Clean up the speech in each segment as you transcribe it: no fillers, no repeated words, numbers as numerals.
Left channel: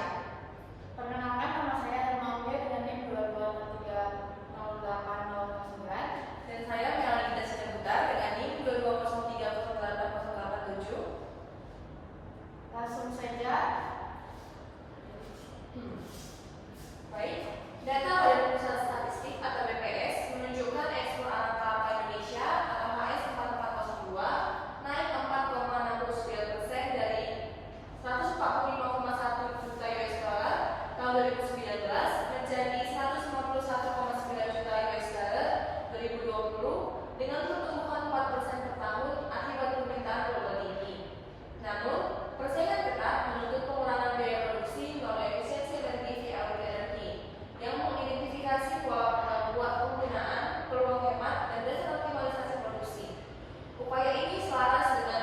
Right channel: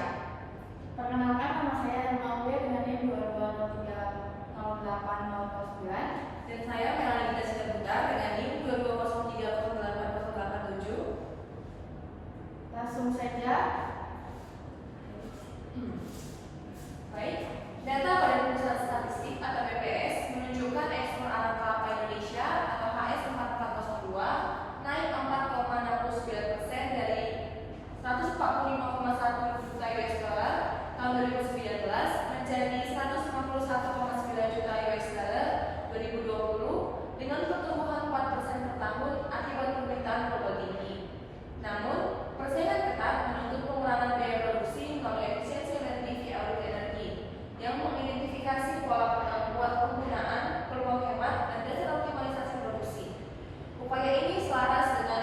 Indonesia. Perkenalkan, nama saya Nima Uwe dengan NIM 22030809 dan saya Melanita Sirebutar dengan NIM 22030807. Langsung saja. Baik, data Badan Pusat Statistik atau BPS menunjukkan ekspor anak kelapa Indonesia atau HS 4402 naik 4,69% dari 145,1 juta US dollar tahun 2019 menjadi 151,9 juta US dollar 2020 dengan pertumbuhan 4% per tahun akibat permintaan global tinggi. Namun, persaingan ketat menuntut pengurangan biaya produksi melalui efisiensi energi via audit energi yang mengidentifikasi pola penggunaan, peluang hemat, dan dasar optimalisasi produksi. Upaya ini selaras dengan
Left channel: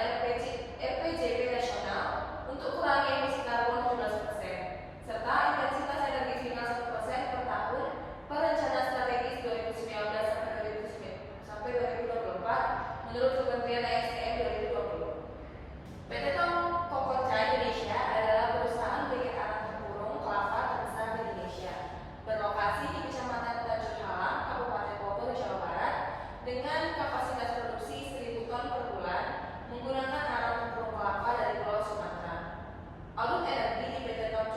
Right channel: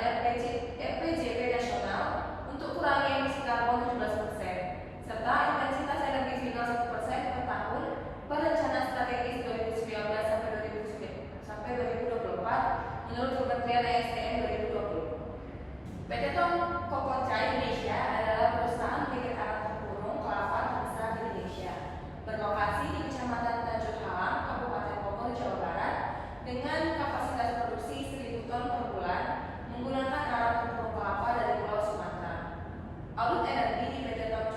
RPJP nasional untuk kurangi emisi karbon 17% serta intensitas energi final 1% per tahun pada rencana strategis 2019 sampai 2024 menurut Kementerian ESDM 2020. PT Tom Kokoca Indonesia adalah perusahaan bibit anak tempurung kelapa terbesar di Indonesia, berlokasi di Kecamatan Tanjung Halang, Kabupaten Bogor, Jawa Barat, dengan kapasitas produksi 1.000 ton per bulan menggunakan alat tempurung kelapa dari Pulau Sumatera. Audit energi di PT Tom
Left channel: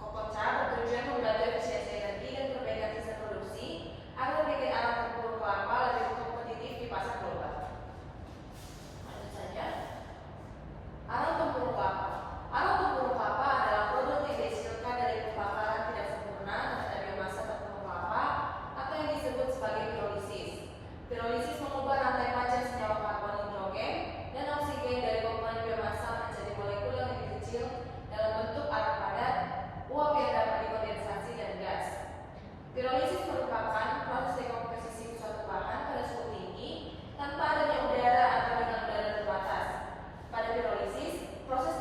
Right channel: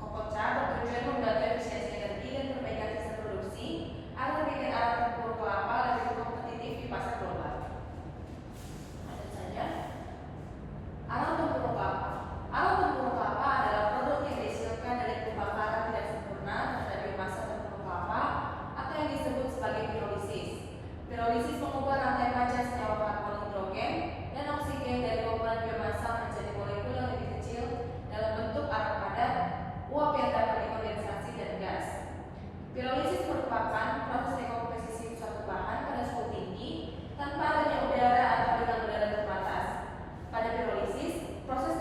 Kokoca bertujuan membantu efisiensi energi dan perbaikan sistem produksi agar bibit anak tempurung kelapa lebih kompetitif di pasar global. Alat tempurung kelapa. Alat tempurung kelapa adalah produk yang dihasilkan dari pembakaran tidak sempurna terhadap biomasa tempurung kelapa atau yang disebut sebagai pirolisis. Pirolisis mengubah rantai panjang senyawa karbon, hidrogen, dan oksigen dari komponen biomasa menjadi molekul yang lebih kecil dalam bentuk arang padat, uap yang dapat dikondensasi dan gas. Pirolisis merupakan proses dekomposisi suatu bahan pada suhu tinggi tanpa adanya udara atau dengan udara terbatas. Pada pirolisis, proses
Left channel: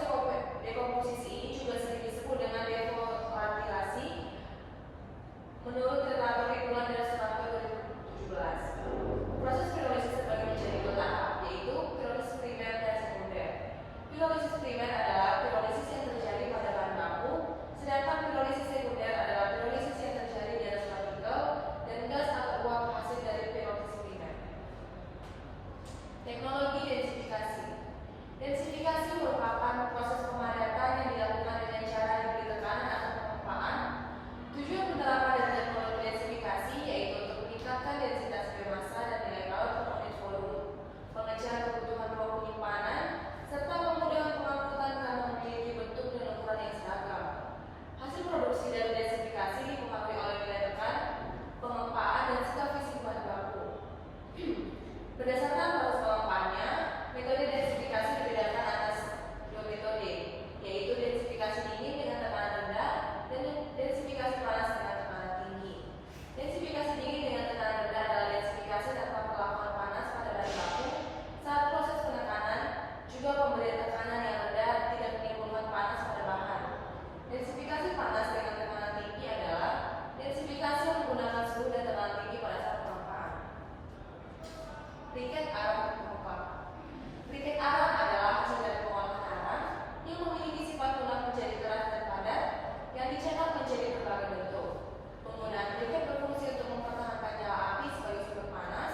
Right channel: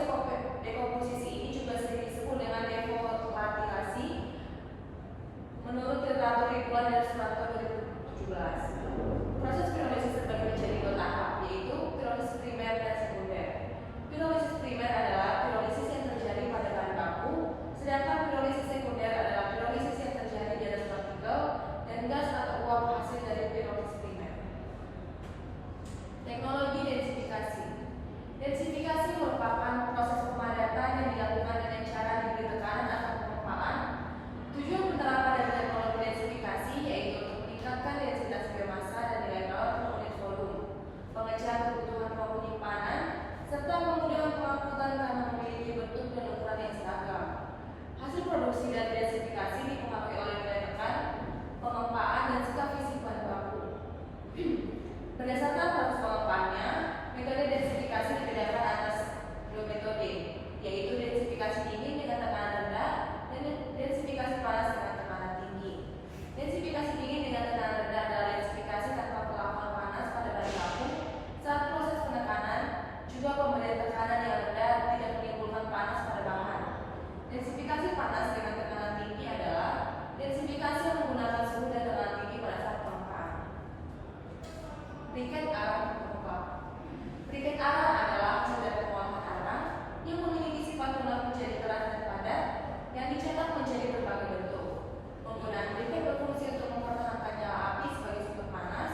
dekomposisi ini juga sering disebut dengan devolatilasi menurut literatur Ridwan dan Suranto 2017. Proses pirolisis terbagi menjadi dua tahap, yaitu pirolisis primer dan sekunder. Pirolisis primer adalah pirolisis yang terjadi pada bahan baku, sedangkan pirolisis sekunder adalah pirolisis yang terjadi di atas partikel dan gas atau uap hasil dari pirolisis primer. Teknologi densifikasi. Densifikasi merupakan proses pemadatan yang dilakukan dengan cara diberi tekanan atau pengempaan. Tujuan penerapan dari teknologi densifikasi yaitu untuk meningkatkan densitas biomasa dan nilai kalor per unit volume, mengejar kebutuhan ruang penyimpanan, serta memudahkan pengangkutan karena memiliki bentuk dan ukuran yang seragam. Hasil produksi dari densifikasi dipengaruhi oleh nilai tekan, pengempaan, dan sikap fisik bahan baku. Berdasarkan proses pengempaannya, metode densifikasi dibedakan atas dua metode, yaitu densifikasi dingin dengan tekanan rendah dan densifikasi panas dengan tekanan tinggi. Densifikasi dingin dengan tekanan rendah adalah densifikasi tanpa perlakuan panas pada bahan baku saat proses penekanan, juga pemberian tekanan yang rendah tidak menimbulkan panas pada bahan. Densifikasi panas dengan tekanan tinggi adalah densifikasi yang menggunakan suhu dan tekanan tinggi pada saat pengempaan. Briket arang terbuka. Briket arang adalah hasil dari pengolahan arang yang memiliki sifat lunak menjadi keras dan padat yang dicetak menjadi berbagai bentuk. Penggunaan briket berfungsi untuk mempertahankan nyala api sebagai sumber panas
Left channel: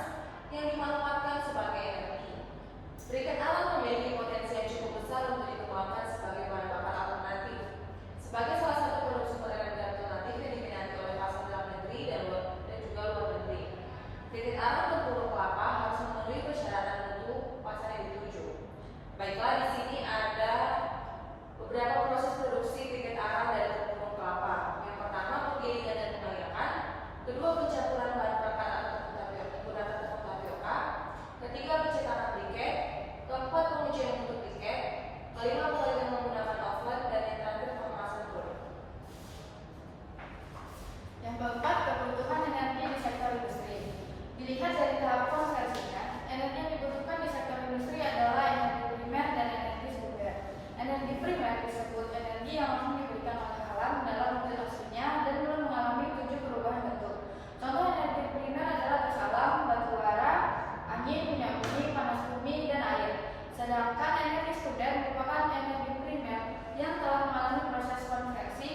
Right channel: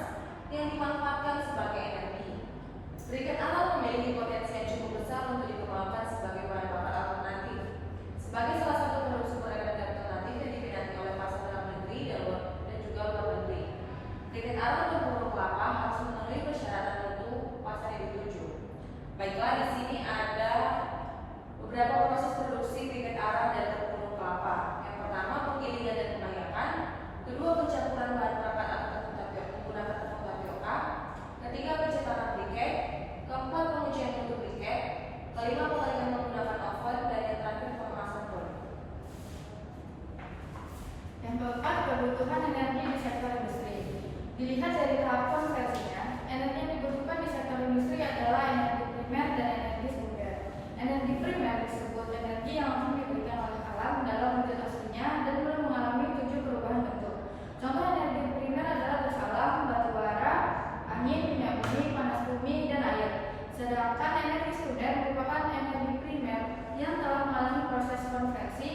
yang dimanfaatkan sebagai energi. Briket arang memiliki potensi yang cukup besar untuk dikembangkan sebagai bahan bakar alternatif. Sebagai salah satu produk sumber energi alternatif yang diminati oleh pasar dalam negeri dan juga luar negeri. Briket arang tempurung kelapa harus memenuhi persyaratan mutu pasar yang dituju. Baiklah, di sini ada beberapa proses produksi briket arang dari tempurung kelapa. Yang pertama, penggilingan dan pengayakan. Kedua, pencampuran bahan bakar atau menggunakan tepung tapioka. Ketiga, pencetakan briket. Keempat, pengujian bentuk briket. Kelima, penggilingan menggunakan oven. Dan yang terakhir, pengemasan produk. Yang keempat, kebutuhan energi di sektor industri. Dilihat dari tahap konversinya, energi yang dibutuhkan di sektor industri adalah energi primer dan energi sekunder. Energi primer disebut energi yang langsung diberikan oleh alam dalam wujud aslinya dan belum mengalami 7 perubahan bentuk. Contoh energi primer adalah gas alam, batu bara, angin, minyak bumi, panas bumi, dan air. Sedangkan energi sekunder merupakan energi primer yang telah mengalami proses konversi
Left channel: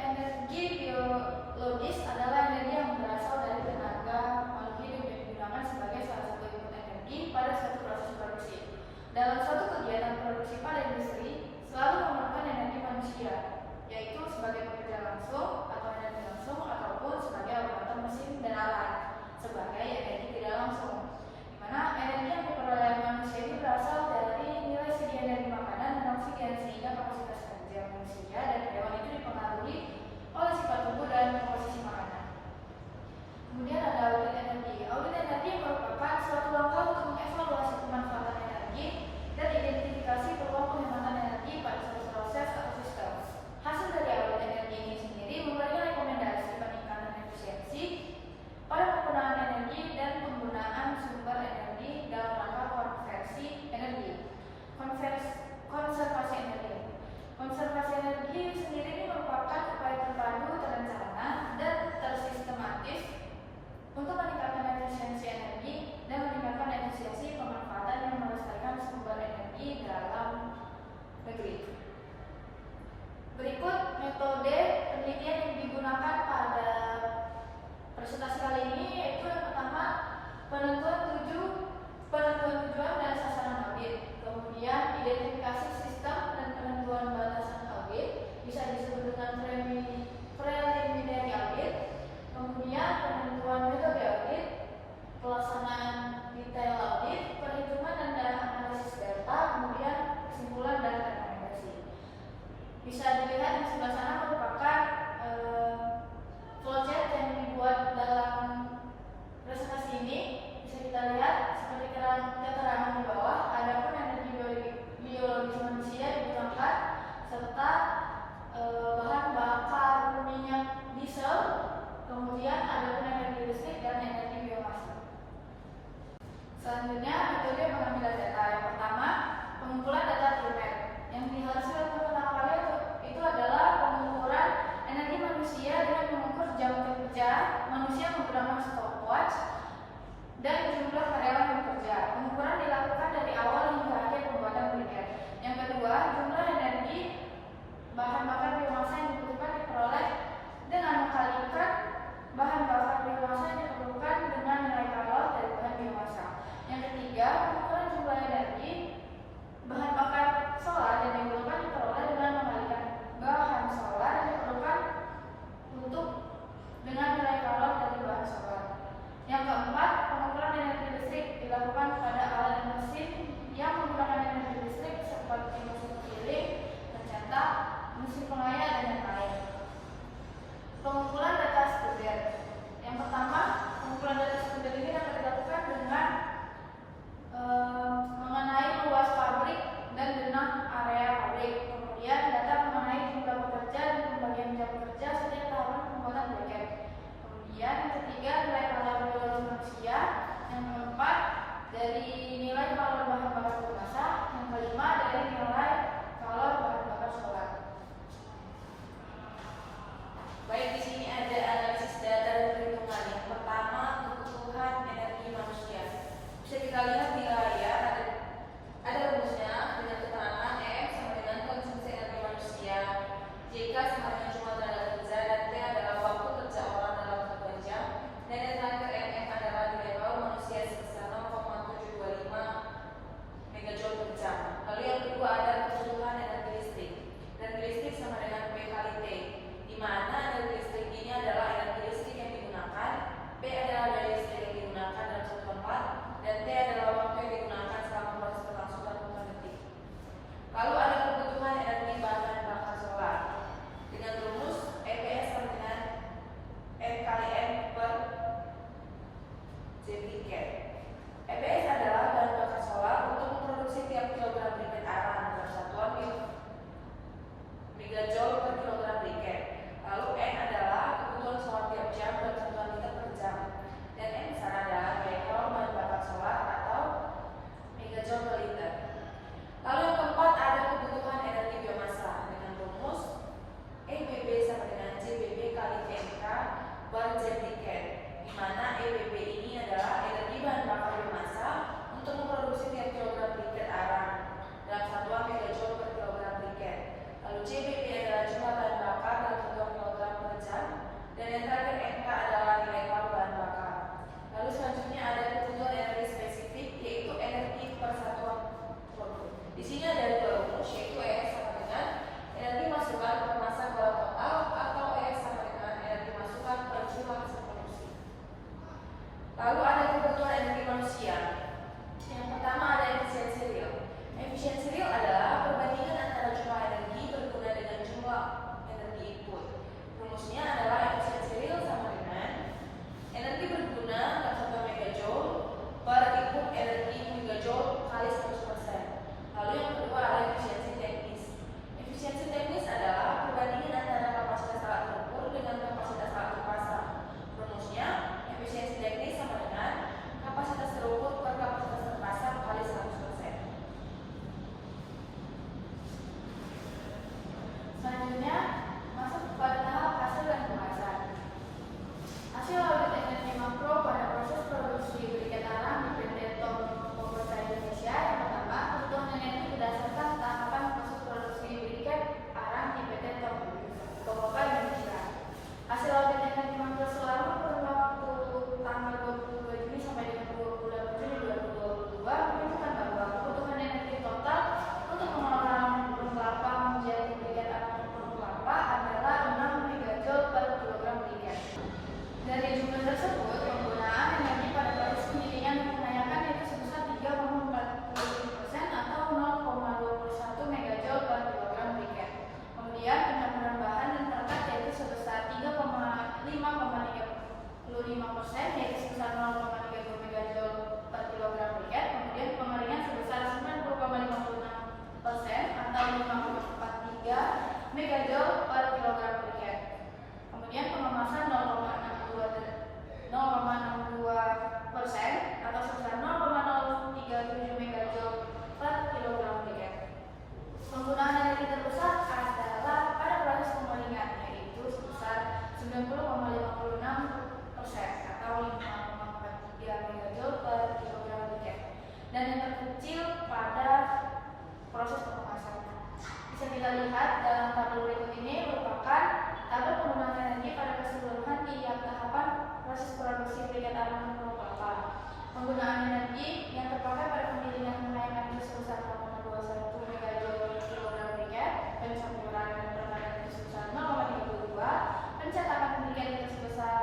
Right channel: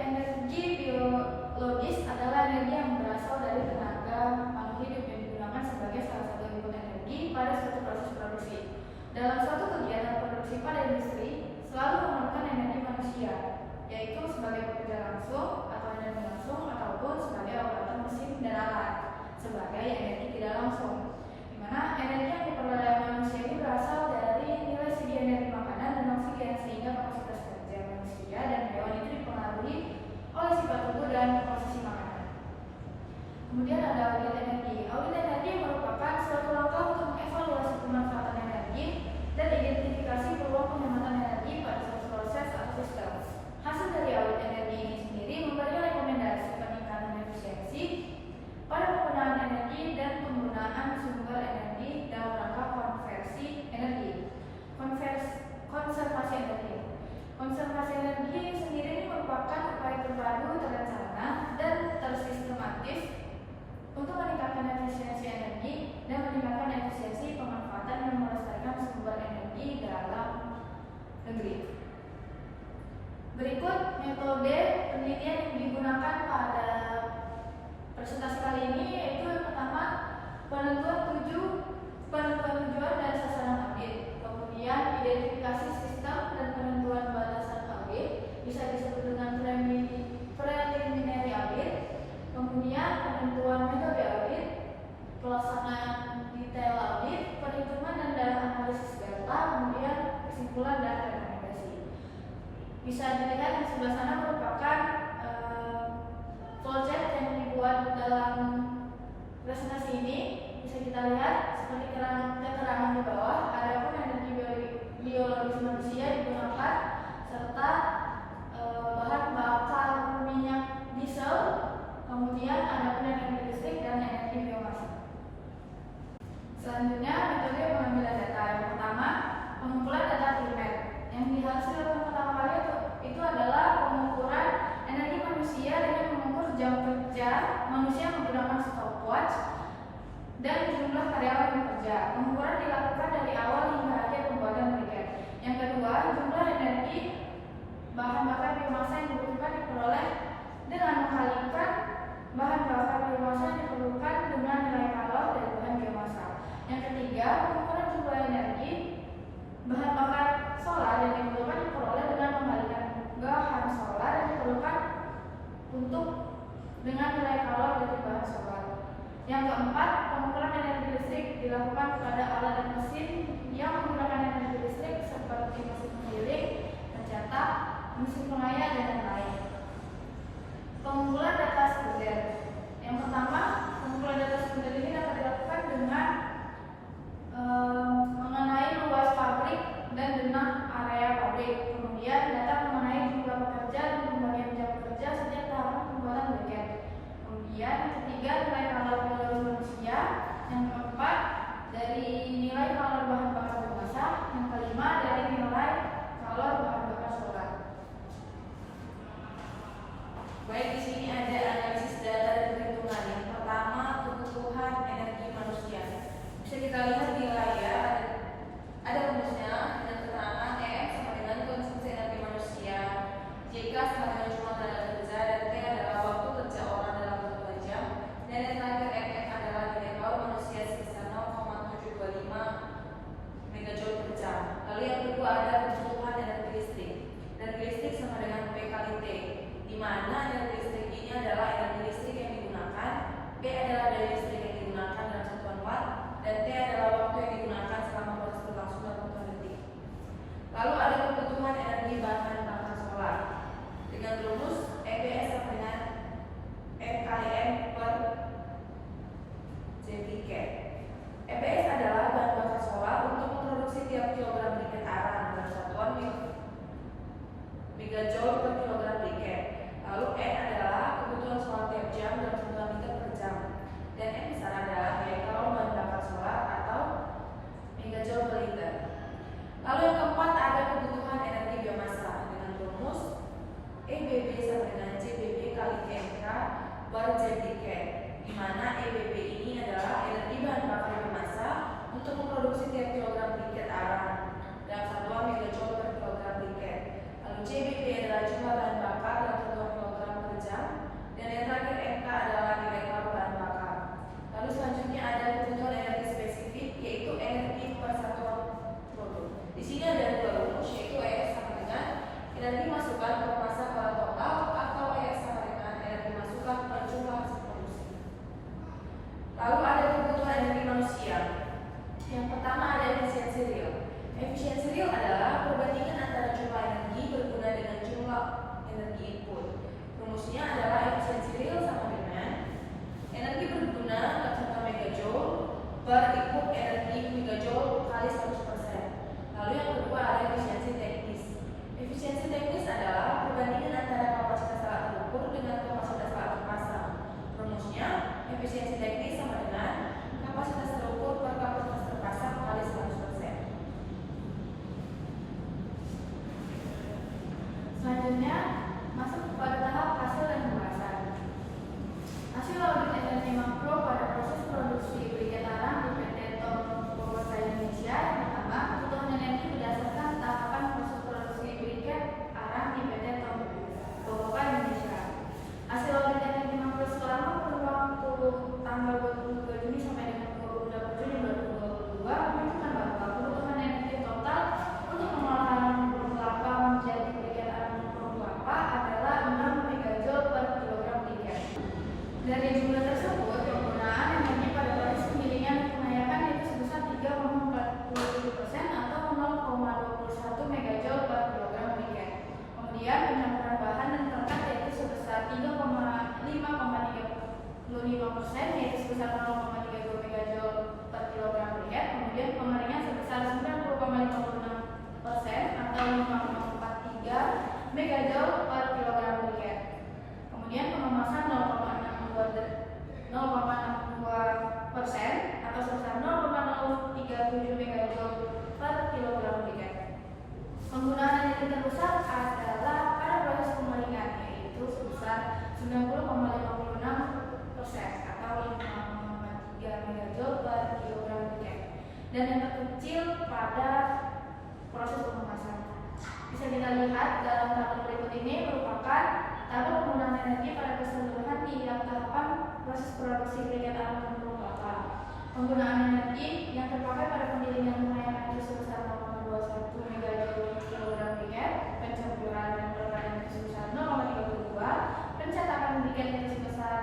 energi biologis adalah energi yang berasal dari tenaga makhluk hidup yang digunakan sebagai salah satu input energi pada suatu proses produksi. Dalam suatu kegiatan produksi pada industri selalu memerlukan energi manusia, yaitu sebagai pekerja langsung atau energi langsung ataupun sebagai operator mesin dan alat sebagai energi tidak langsung. Di mana energi yang diperoleh oleh manusia itu berasal dari nilai segi energi makanan dan oksigen, sehingga kapasitas kerja manusia dan hewan itu dipengaruhi oleh sifat tubuh dan komposisi makanan. Kemudian ada audit energi. Audit energi merupakan suatu langkah untuk mengevaluasi pemanfaatan energi dan identifikasi peluang penghematan energi pada suatu proses atau sistem. Hasil dari audit energi ini sendiri memberi rekomendasi peningkatan efisiensi pada penggunaan energi dan penggunaan sumber energi dalam rangka konversi energi. Konservasi energi. Konservasi energi sendiri ini merupakan upaya terpadu, terencana, dan tersistematis untuk meningkatkan efisiensi energi dan meningkatkan efisiensi pemanfaatan yang melestarikan sumber energi dalam negeri. Berikut metode penelitian yang digunakan pada presentasi kali ini, yaitu yang pertama penentuan tujuan dan sasaran audit, kemudian identifikasi sistem dan penentuan batasan audit, bisa disebut dengan preliminary audit, kemudian penentuan metode audit, pelaksanaan detail audit, perhitungan dan analisis data, kemudian kesimpulan dan rekomendasi. Bisa dilihat yang sebelah sana merupakan flowchart yang dibuat dalam presentasi ini. Bisa kita lihat seperti keterangan di bawah, adapun energi biologis manusia digunakan serta bahan bakar minyak diesel, kemudian adapun energi listrik dan energi biomasa. Selanjutnya metode pengambilan data. Yang pertama, pengumpulan data primer. Yang harus dilakukan pertama kali itu adalah pengukuran energi manusia dengan mengukur jam kerja manusia menggunakan stopwatch dan jumlah karyawan yang bekerja. Pengukuran dilakukan dari awal hingga akhir pembuatan briket. Yang kedua, jumlah energi bahan bakar biomasa yang dibutuhkan diperoleh dengan mengkalikan bahan bakar biomasa yang diperlukan dengan nilai kalor dari bahan biomasa. Yang ketiga, pengukuran jumlah energi bahan bakar solar yang diperlukan diperoleh dengan mengkalikan bahan solar yang diperlukan untuk dengan nilai kalor dari bahan solar. Yang keempat, pengukuran energi listrik dilakukan pada alat dan mesin yang menggunakan energi listrik seperti mesin penggiling, pencetak, mesin pengaya, dan lain-lain. Pengumpulan data sekunder. Yang pertama, pengumpulan data sekunder ini dapat dilakukan dengan mengenai luas pabrik dan benang area pabrik. Kemudian data mengenai jumlah pekerja dan pembagian jam pekerja setiap tahapan pembuatan briket. Kemudian yang ketiga, nilai kalor biologis manusia. Yang keempat, dari nilai kalor bahan bakar biomasa. Yang kelima, dari nilai kalor bahan bakar solar. Baik, di sini ada analisis data dan perhitungan. Yang pertama, kebutuhan energi manusia. Bisa kita lihat di layar ada rumusnya, ada keterangan M sama dengan konsumsi energi manusia, JK sama dengan jumlah tenaga kerja, dan T adalah waktu kerja orang dalam 2 jam, dan yang terakhir MF adalah nilai baru manusia sebesar 0,725 megajoule per jam. Lalu yang kedua ada kebutuhan energi listrik. Energi listrik sama dengan P kali T, di mana energi listrik ini adalah energi listrik yang digunakan, P adalah daya listrik yang digunakan dalam satu tempat, dan T adalah waktu yang digunakan selama proses berlangsung dalam 4 detik. Lalu ada kebutuhan energi bahan bakar solar dengan rumus EBS sama dengan M kali M per JPK. EBS adalah bahan bakar solar untuk memproduksi tiap kilogram briket arang dalam satuan megajoule per kilogram briket. Lalu N adalah kebutuhan solar tiap jam dalam satuan liter per jam, dan M sana adalah nilai kalor bahan bakar solar atau megajoule per liter. Lalu yang keempat ada kebutuhan energi biomasa dengan rumus EBB sama dengan JBB kali KMK per JPK, di mana EBB ini adalah energi bahan bakar biomasa untuk memproduksi tiap kilogram briket arang dalam satuan megajoule per kilogram briket. Lalu JBB adalah jumlah bahan bakar dalam satuan kilogram Selanjutnya masuk pada tahap hasil dan pembahasan. Hasil audit energi makro pada proses produksi briket arang di PT Tom Power Indonesia. Yang pertama, kebutuhan energi berdasarkan tahapan proses produksi briket arang di PT Tom Power Indonesia. Hasil audit energi makro selama kurun waktu tanggal 22 Juni sampai dengan 28 Juni 2022 menunjukkan bahwa kebutuhan energi total untuk pengolahan burung kelapa menjadi briket arang burung kelapa adalah 6 megajoule per kilogram briket. Dari jumlah tersebut, penggunaan energi pada proses penggilingan kebanyakan yaitu sebesar 3,47% atau 0,21 megajoule per kilogram briket. Kemudian penyampuran bahan dan perekat yaitu sebesar 3,35% yaitu sebesar 0,30 megajoule per kilogram briket. Kemudian pengeringan sebesar 90,56% atau 5,43 megajoule per kilogram briket. Kemudian pengemasan 0,62% atau sebesar 0,037 megajoule per kilogram briket. Penggunaan energi terbesar adalah pada proses pengeringan yaitu sebesar 90,56% atau 5,3 megajoule per kilogram briket. Dan yang terkecil pada proses pengemasan. Bisa kita lihat dalam tabel berikut ini merupakan tabel penggunaan energi pada keseluruhan tiap tahapan proses produksi briket arang burung kelapa. Penggunaan energi yang terpakai pada penggilingan pengayaman itu sebesar 8,21 megajoule per kilogram briket, pencampuran dan perekat itu sebesar 0,32, pencetakan briket itu sebesar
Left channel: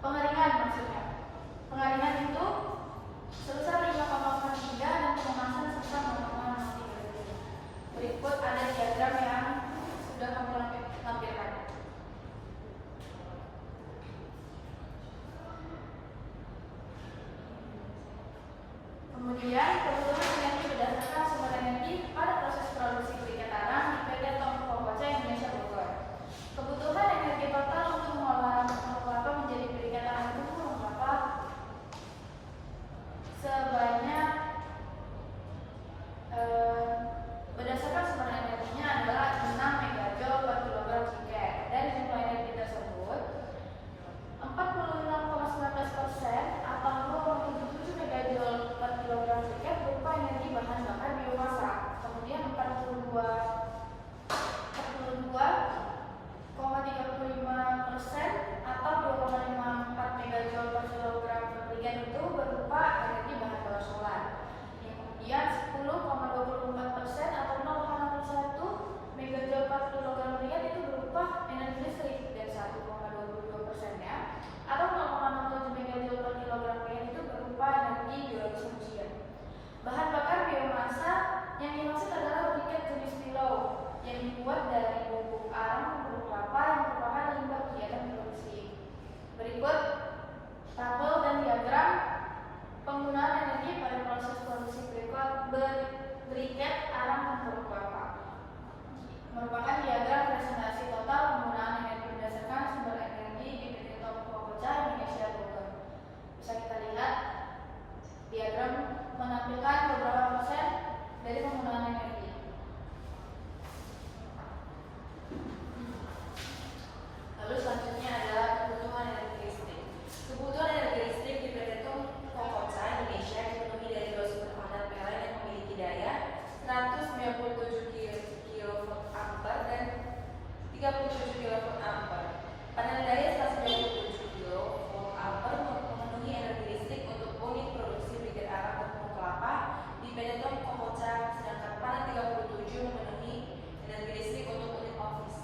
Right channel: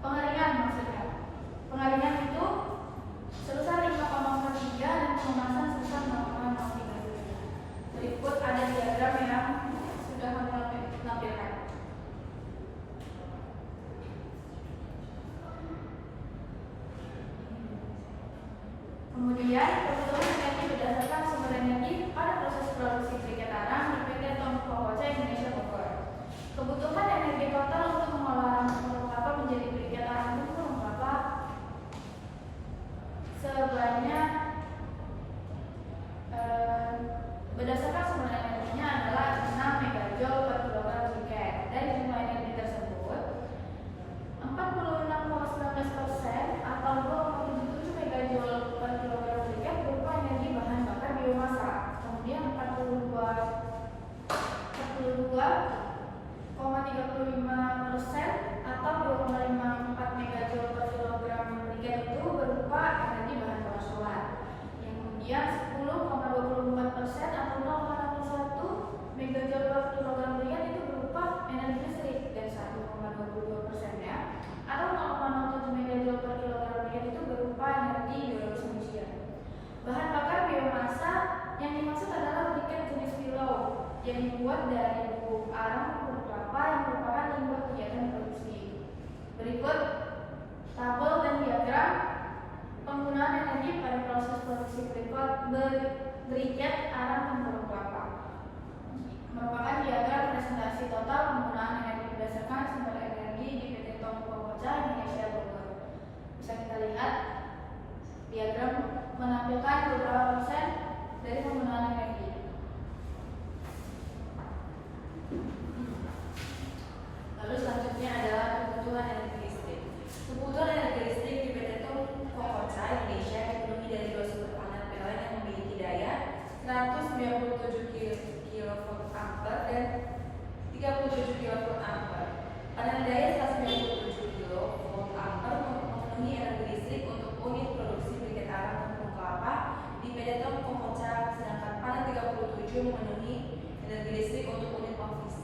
pengeringan maksudnya. Pengeringan itu sebesar 5,43 dan pengemasan sebesar 0,037. Berikut ada diagram yang sudah kami tampilkan. Kemudian kebutuhan energi berdasarkan sumber energi pada proses produksi briket arang di PT Tom Power Indonesia Bogor. Kebutuhan energi total untuk mengolahan burung kelapa menjadi briket arang burung kelapa sebanyak berdasarkan sumber energinya adalah 6 megajoule per kilogram briket. Dari jumlah energi tersebut, 46,19% atau 2,77 megajoule per kilogram briket berupa energi bahan bakar biomasa. Kemudian 42,35% atau 2,54 megajoule per kilogram briket itu berupa energi bahan bakar solar. Kemudian 10,24% atau 0,61 megajoule per kilogram briket itu berupa energi listrik, dan 1,22% ya atau 0,07 megajoule per kilogram briket itu berupa energi biologis manusia. Bahan bakar biomasa yang dimaksud adalah briket jenis pilau yang dibuat dari bubuk arang burung kelapa yang merupakan limbah kegiatan produksi. Berikut tabel dan diagram penggunaan energi pada proses produksi briket arang burung kelapa. Merupakan diagram presentasi total penggunaan energi berdasarkan sumber energi di PT Tom Power Indonesia Bogor. Bisa kita lihat diagram menampilkan beberapa persen dari penggunaan energi. Lalu selanjutnya adalah kebutuhan energi listrik. Kebutuhan energi listrik di PT Tom Power Indonesia dipenuhi dari dua sumber panas PLN yang memiliki daya 197 kVA dan 37 kVA. Panel daya 197 kVA memenuhi energi listrik untuk unit produksi briket arang burung kelapa di PT Tom Power, sedangkan panel 37 memenuhi energi listrik untuk unit office.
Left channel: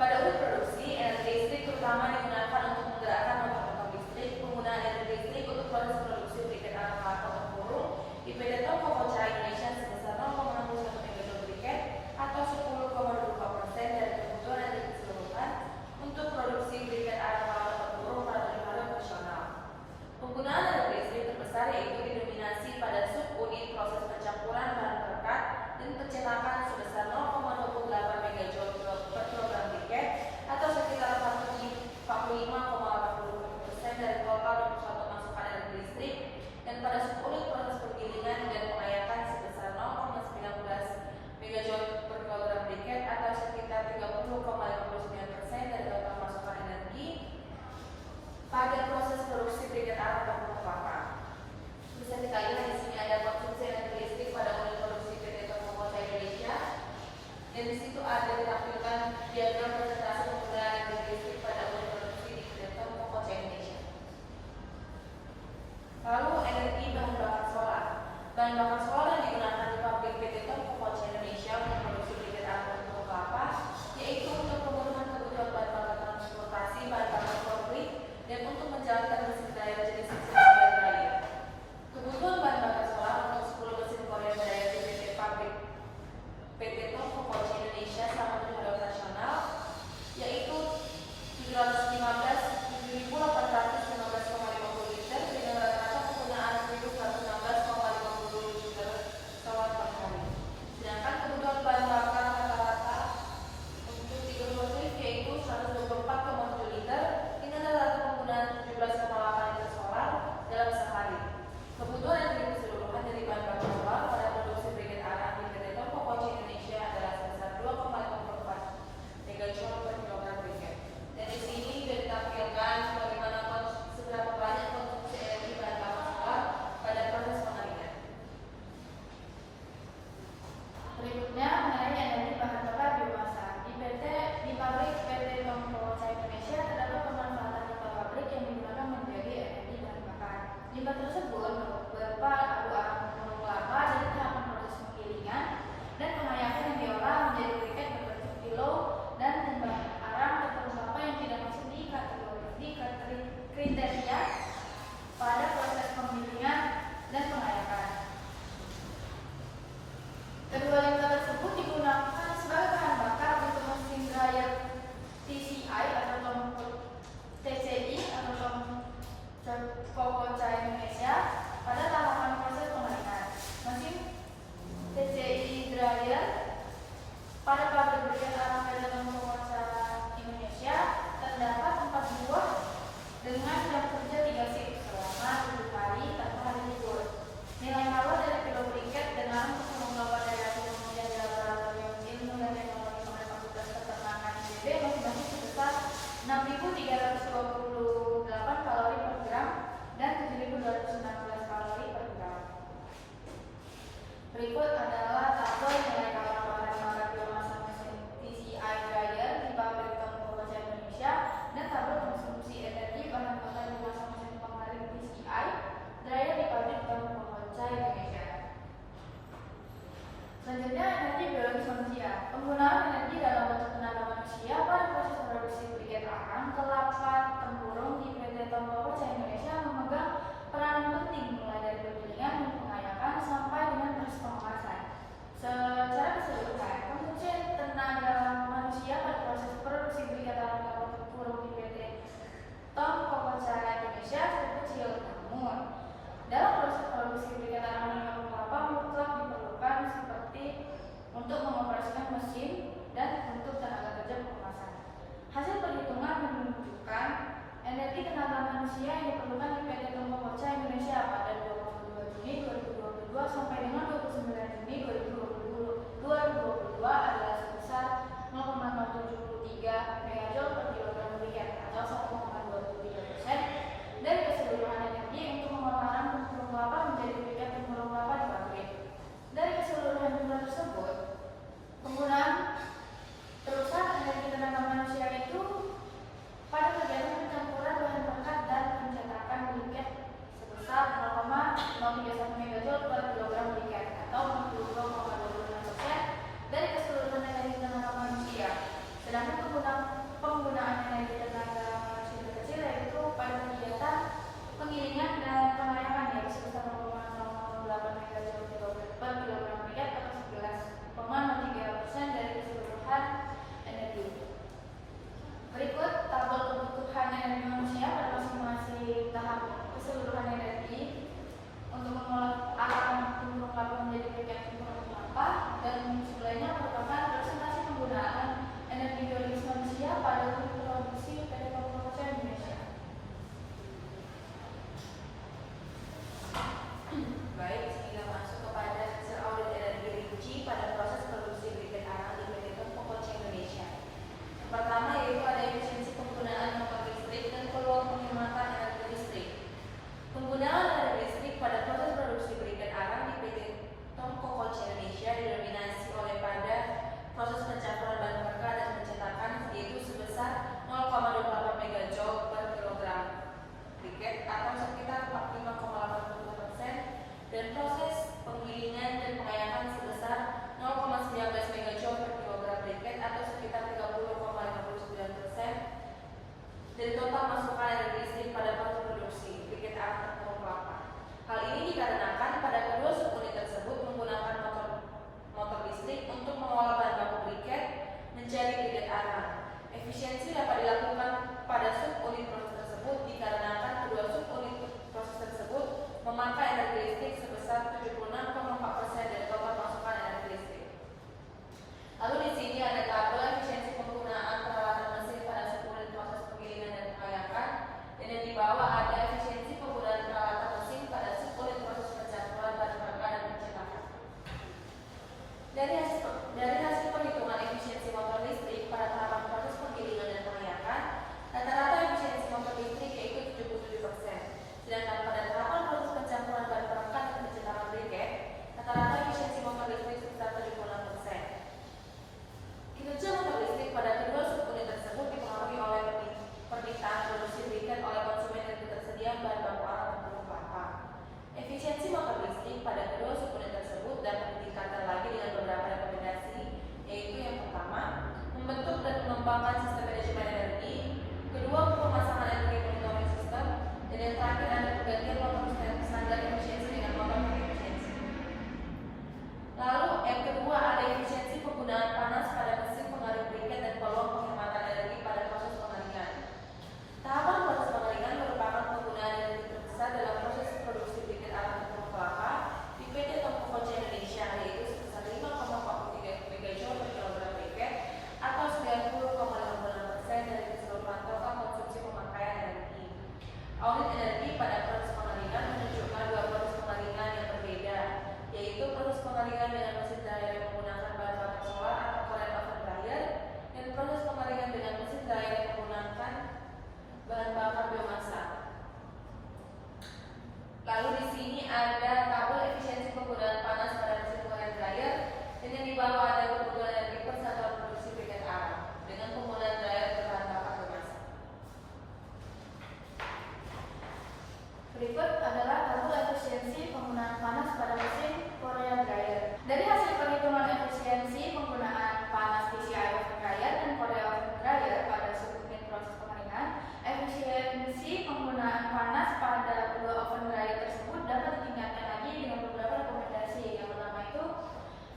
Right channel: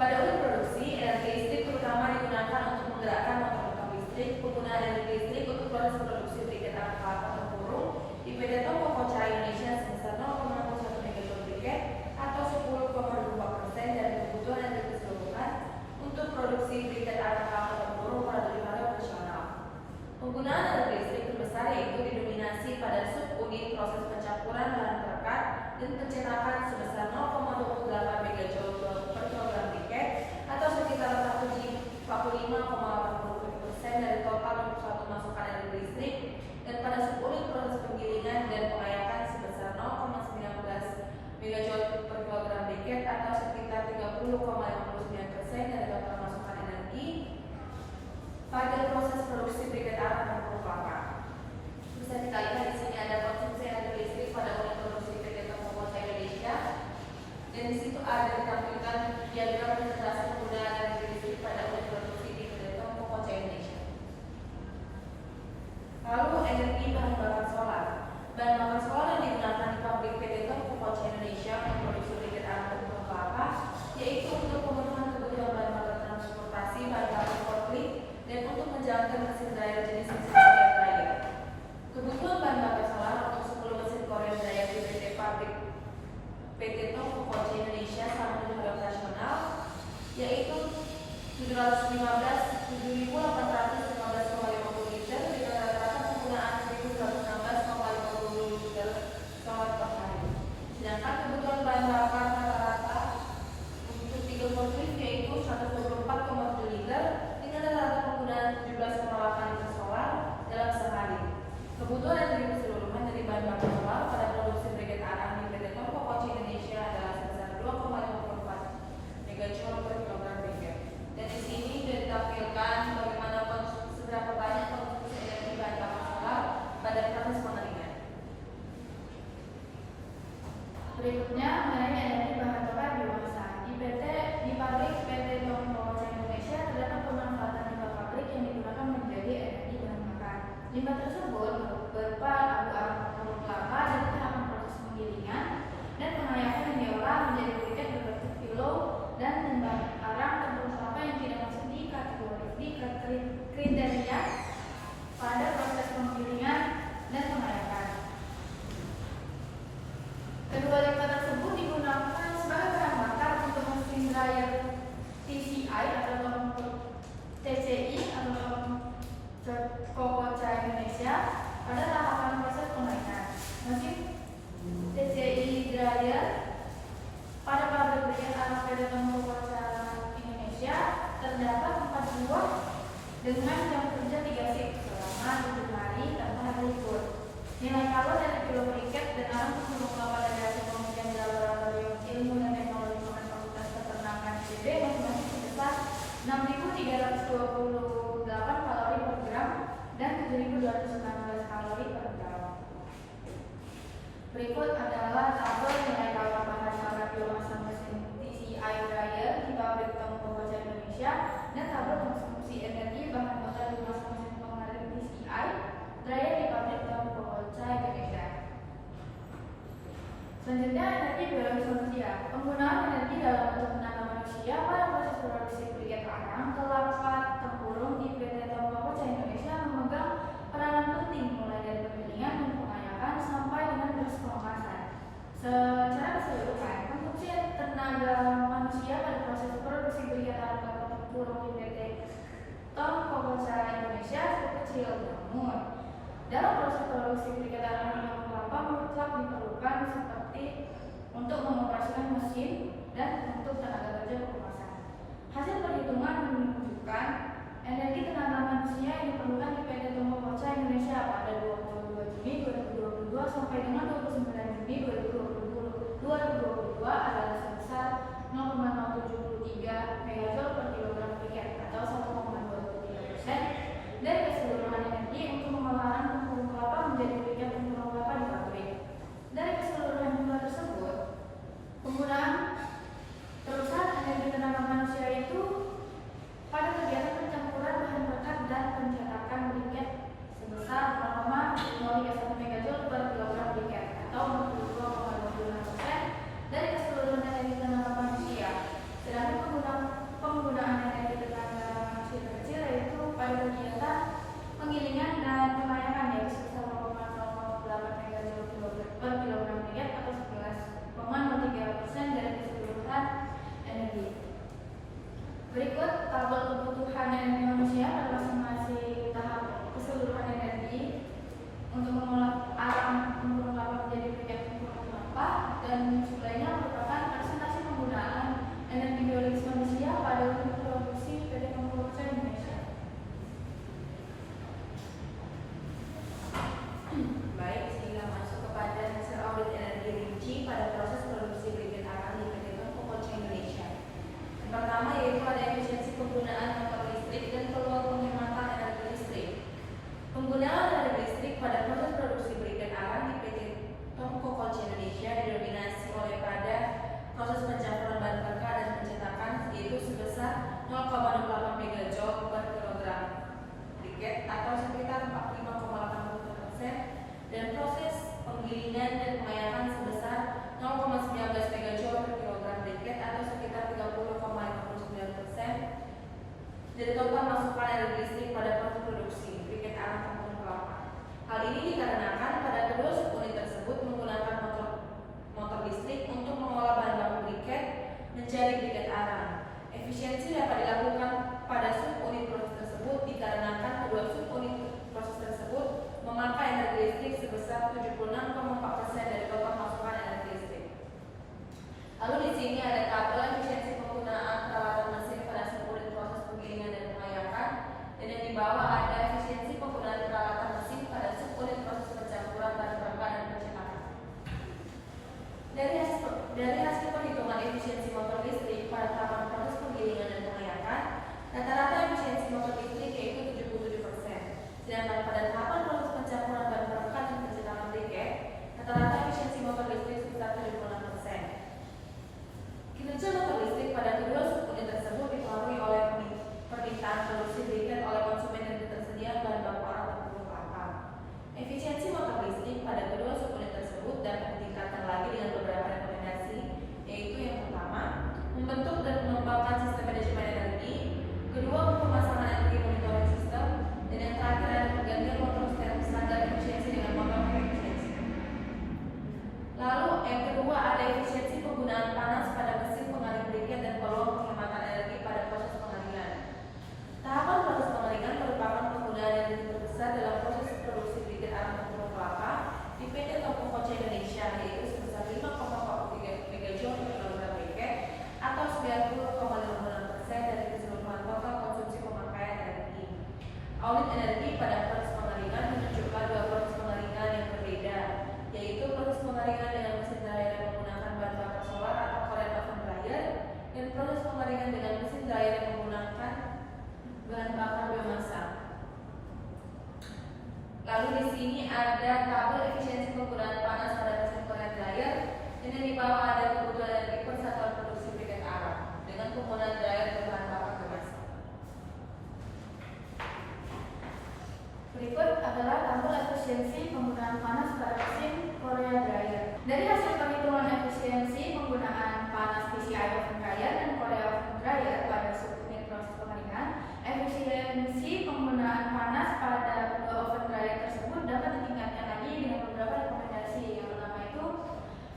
Pada unit produksi, energi listrik terutama digunakan untuk menggerakkan motor listrik. Penggunaan energi listrik untuk proses produksi briket arang kelapa tempurung di PT Tom Power Indonesia sebesar 0,01 megajoule briket atau 10,2% dari kebutuhan energi keseluruhan untuk produksi briket arang kelapa tempurung pada tujuan operasional. Penggunaan energi listrik terbesar yaitu didominasi pada subunit proses pencampuran bahan perekat dan pencetakan sebesar 0,28 megajoule per kilogram briket atau sekitar 45,80% dari total 21 masukan energi listrik, dan pada subunit proses penggilingan dan pengayakan sebesar 0,19 20,59% dari total masukan energi pada proses produksi briket arang dan pokok kelapa. Bisa kita lihat di sini ada konsumsi energi listrik pada unit produksi briket Tembakau Indonesia. Dan di situ ada ditampilkan diagram presentasi penggunaan energi listrik pada unit produksi briket Tembakau Indonesia. Lalu energi bahan bakar solar. Bahan bakar solar yang digunakan di pabrik PT Tembakau Indonesia untuk produksi briket arang dan pokok kelapa, yaitu untuk pemenuhan kebutuhan bahan bakar transportasi, bahan bakar forklift, dan untuk menjalankan mesin dryer jenis mesin dryer. Kebutuhan bahan bakar solar untuk 10 mesin Korea dryer di PT Tembakau Indonesia selama tujuan operasional, yaitu 715.815,50 liter dengan rata-rata penggunaan 1.116,50 liter solar per hari. Sedangkan kebutuhan bahan bakar rata-rata untuk 3 forklift yaitu 124,7 liter dengan rata-rata penggunaan 17,8 liter solar dalam sehari. Kebutuhan energi keseluruhan dari bahan bakar solar pada produksi briket arang di PT Tembakau Indonesia adalah sebesar 2,54 megajoule per kilogram briket. Dan di sini sudah ditampilkan bagaimana seberapa banyak konsumsi energi bahan bakar solar pada proses pengeringan. Berikutnya mengenai energi bahan bakar biomasa. Di pabrik PT Tembakau Indonesia terdapat pemanfaatan limbah pabrik yang digunakan menjadi energi bahan bakar. Limbah tersebut berupa abu arang kelapa dari tahapan proses penggilingan dan pengayakan yang diolah menjadi briket berbentuk kilo dan limbah arang campur kelapa yang tidak masuk di kategori kriteria pada proses penggilingan dan pengayakan. Kedua limbah tersebut digunakan sebagai bahan bakar untuk mesin dryer TCI atau TCI atau Tembakau Indonesia pada tahapan proses pengeringan. Mesin TCI dryer pada pabrik briket arang PT Tembakau Indonesia terdapat 4 buah dengan jam kerja 3 shift selama 7 hari tanpa hari libur. Nilai kalor dari kilo briket dan arang untuk kelapa dari hasil pengujian di Laboratorium Ilmu dan Teknologi Pangan Fakultas Peternakan ITB masing-masing sebesar 6.328 kalori per gram dan 7.219 kalori per gram. Berikut adalah tabel nilai kalor bahan bakar biomasa mesin TCI dryer di pabrik Tembakau Indonesia dan tabel konsumsi energi bahan bakar biomasa mesin pengering TCI dryer di pabrik Tembakau Indonesia. Selanjutnya energi biologis manusia. Penggunaan energi dalam bentuk tenaga manusia pada proses produksi briket arang kelapa tempurung di PT Tembakau Indonesia memegang peranan penting mulai dari penggilingan dan pengayakan sampai dengan proses pengemasan. Secara keseluruhan, konsumsi tenaga manusia pada proses produksi briket arang kelapa tempurung di PT Tembakau Indonesia kecil, namun dalam proses produksi briket arang kelapa mutlak diperlukan seperti untuk mengoperasikan mesin dan untuk tenaga kerja pengemasan. Hasil perhitungan menunjukkan energi tenaga manusia yang diperlukan di PT Tembakau Indonesia pada 22 Juni 2022 sampai dengan 29 Juni 2022 adalah sebesar 0,073 megajoule per kilogram briket atau 1,23% dari keseluruhan energi untuk pengolahan tempurung kelapa menjadi briket tempurung kelapa di pabrik. Dari keseluruhan jumlah tersebut, penggunaan terusan energi tenaga manusia itu pada kegiatan pencampuran bahan bakar dan pencetakan briket sebesar 0,031 megajoule per kilogram briket atau 22,2 Efisiensi dapat dilakukan pada subunit proses tersebut dikarenakan kedua subunit proses tersebut memakai energi listrik sebesar 76,4% dari total masukan energi listrik. Lalu di sini ada tabel efisiensi penggunaan peralatan mesin pada subunit proses penggilingan dan pengayakan, dan yang di bawah ada efisiensi penggunaan peralatan mesin pada subunit proses pencampuran bahan bakar dan pencetakan. Dari hasil perhitungan efisiensi motor listrik pada tahapan proses penggilingan dan pengayakan, rata-rata efisiensi motor listrik yaitu 77%, sedangkan pada tahapan proses pencampuran bahan bakar dan pencetakan briket, rata-rata efisiensi motor listrik sekitar 76%. Kinerja motor listrik pada kedua subunit tersebut dipengaruhi oleh permintaan produksi briket oleh konsumen dan ketersediaan bahan baku arang dan pupuk kelapa. Efisiensi motor listrik pada kedua subunit tersebut dapat ditingkatkan lagi dengan beberapa rekomendasi, yaitu yang pertama, membentuk dan mengembangkan sistem manajemen energi, kedua, pemasangan energi monitoring sistem, dan yang terakhir adalah penggantian motor standar efisiensi dengan motor efisiensi. Lalu yang kedua ada efisiensi penggunaan panas pada mesin pengaring briket dan peluang penghematan energi pada proses pengaringan. Tahapan proses pengaringan merupakan penggunaan energi terbesar dalam proses produksi briket arang dan pupuk kelapa di PT Toko Koce Indonesia, yaitu sebesar 5,43 megajoule per kilogram briket atau 90,56% dari keseluruhan total konsumsi pemakaian energi. Audit energi pada proses pengaringan menunjukkan dua proses pengaringan yang berbeda, yaitu proses pengaringan dengan mesin dryer yang menggunakan bahan bakar solar atau Korean oven dryer dan proses pengaringan dengan mesin dryer yang menggunakan bahan bakar biomasa. Lalu di sini ada tabel efisiensi penggunaan panas pada mesin Korean dryer, dan yang di bawah ada kebutuhan energi per satuan produksi briket arang dengan penggunaan dryer berbahan bakar biomasa. Berikut adalah tabel efisiensi penggunaan panas pada mesin Korea dryer. Dari hasil perhitungan efisiensi penggunaan panas PCI oven dryer dan Korea oven dryer pada subunit proses pengaringan, efisiensi penggunaan panas pada kedua oven dryer tersebut dapat ditingkatkan lagi dengan beberapa rekomendasi. Yang pertama itu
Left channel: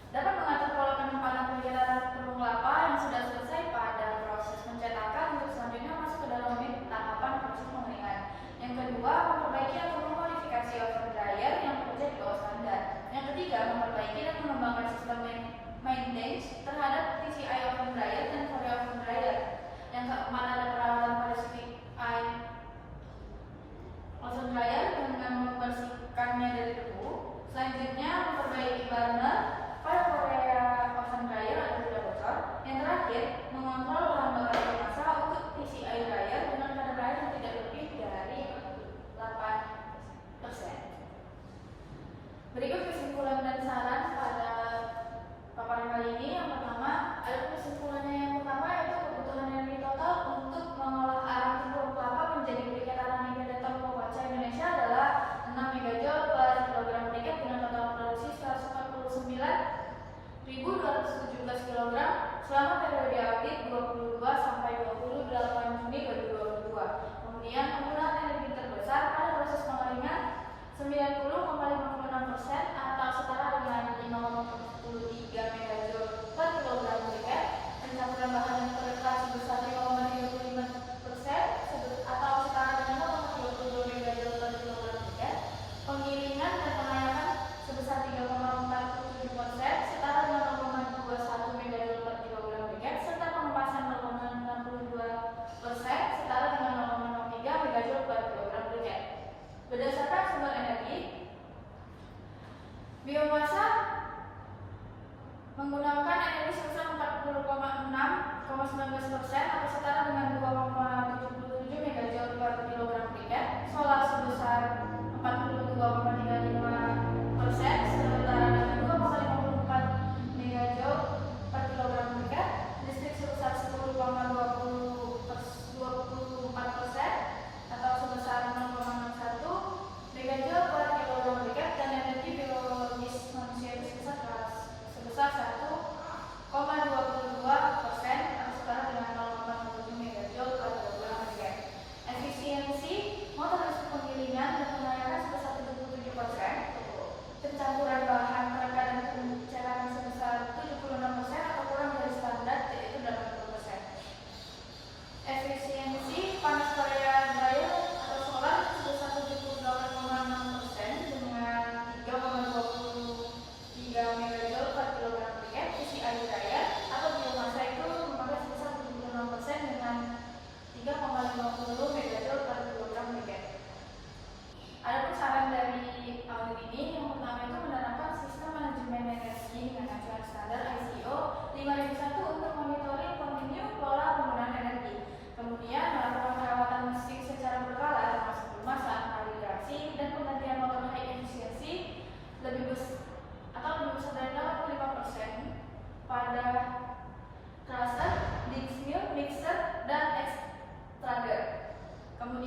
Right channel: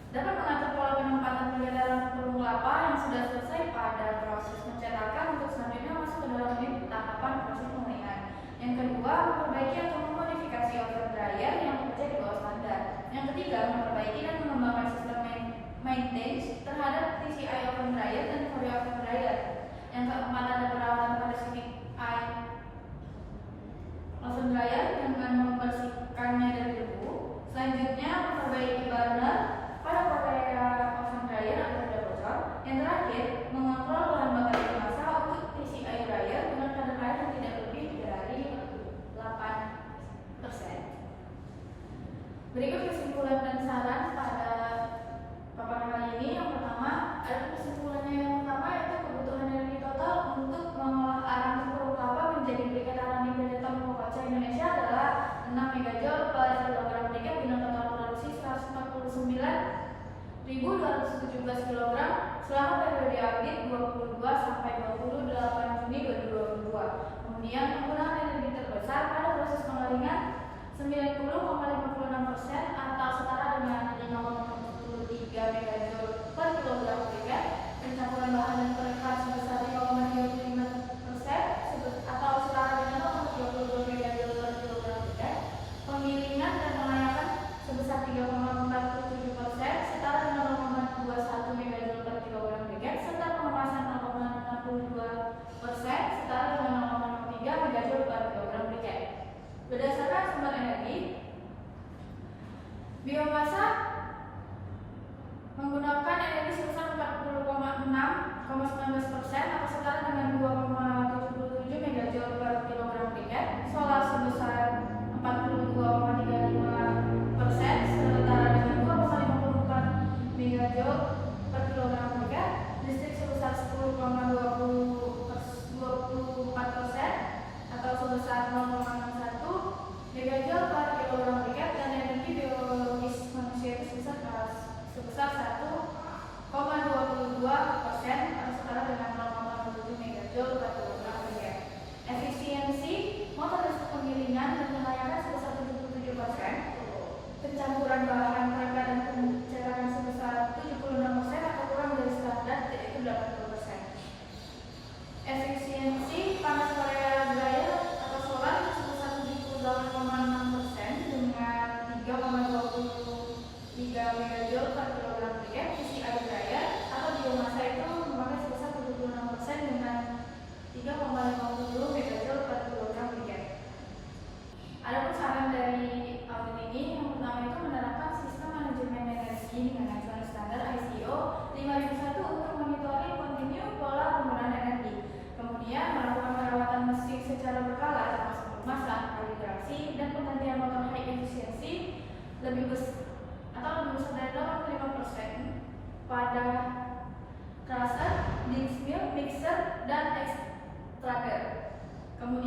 dapat mengatur pola penempatan penyerapan pupuk kelapa yang sudah selesai pada proses pencetakan untuk selanjutnya masuk ke dalam unit tahapan proses pengeringan. Yang kedua, memperbaiki atau memodifikasi oven dryer yang bekerja di bawah standar. Yang ketiga, memperbaiki dan mengembangkan sistem maintenance terhadap PCI oven dryer dan Korea oven dryer. Yang keempat, ada perawatan pada PCI oven dryer dengan membersihkannya dari debu. Selanjutnya, memperbaiki burner pada Korea oven dryer agar tidak bocor. Yang terakhir, mengontrol bahan bakar biomasa untuk PCI dryer dengan kadar air yang tidak lebih dari 8%. Berikut kesimpulan dan saran pada paparan kali ini. Yang pertama, ada kesimpulannya yang pertama yaitu kebutuhan energi total untuk mengolah arang pupuk kelapa menjadi briket arang di PT Toko Koce Indonesia adalah 6 megajoule per kilogram briket dengan total produksi 149.217 kg selama periode audit 22 sampai 28 Juni 2022. Kemudian penggunaan energi terbesar pada proses pengaringan 90,56% atau setara dengan 5,73 megajoule per kilogram briket. Pencampuran bahan yang terdekat sebesar 5,35% atau setara dengan 0,22 megajoule per kilogram briket. Penggilingan dan pengayakan sebesar 3,47% setara dengan 0,21 megajoule per kilogram briket, serta pengemasan 0,62% setara dengan 0,03 megajoule per kilogram briket. Berdasarkan sumber energi, biomasa menggunakan energi sebesar 40,19% atau setara dengan 2,77 megajoule per kilogram briket, solar sebesar 42,35% setara dengan 2,54 megajoule per kilogram briket, listrik sebesar 10,24% atau sebesar 0,61 megajoule per kilogram briket, dan energi biologis manusia itu sebesar 1,22% atau setara dengan 0,07 megajoule per kilogram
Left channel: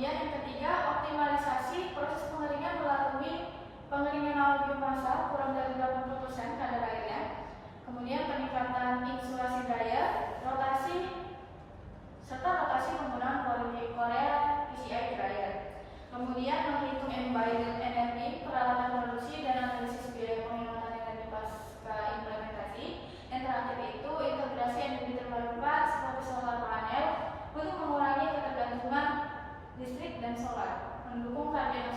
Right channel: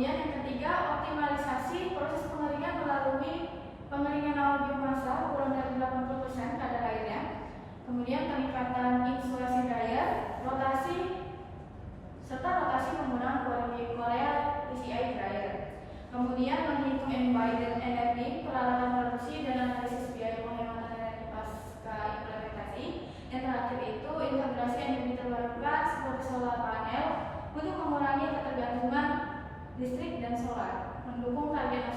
Kemudian yang ketiga, optimalisasi proses pengeringan melalui pengeringan awal biomasa kurang dari 80% kadar airnya. Kemudian peningkatan insulasi dryer, rotasi serta rotasi penggunaan Korea PCI dryer. Kemudian menghitung embodied energi, peralatan produksi dan analisis biaya penghematan energi pasca implementasi. Yang terakhir itu integrasi energi terbarukan seperti solar panel untuk mengurangi ketergantungan listrik dan solar, mendukung target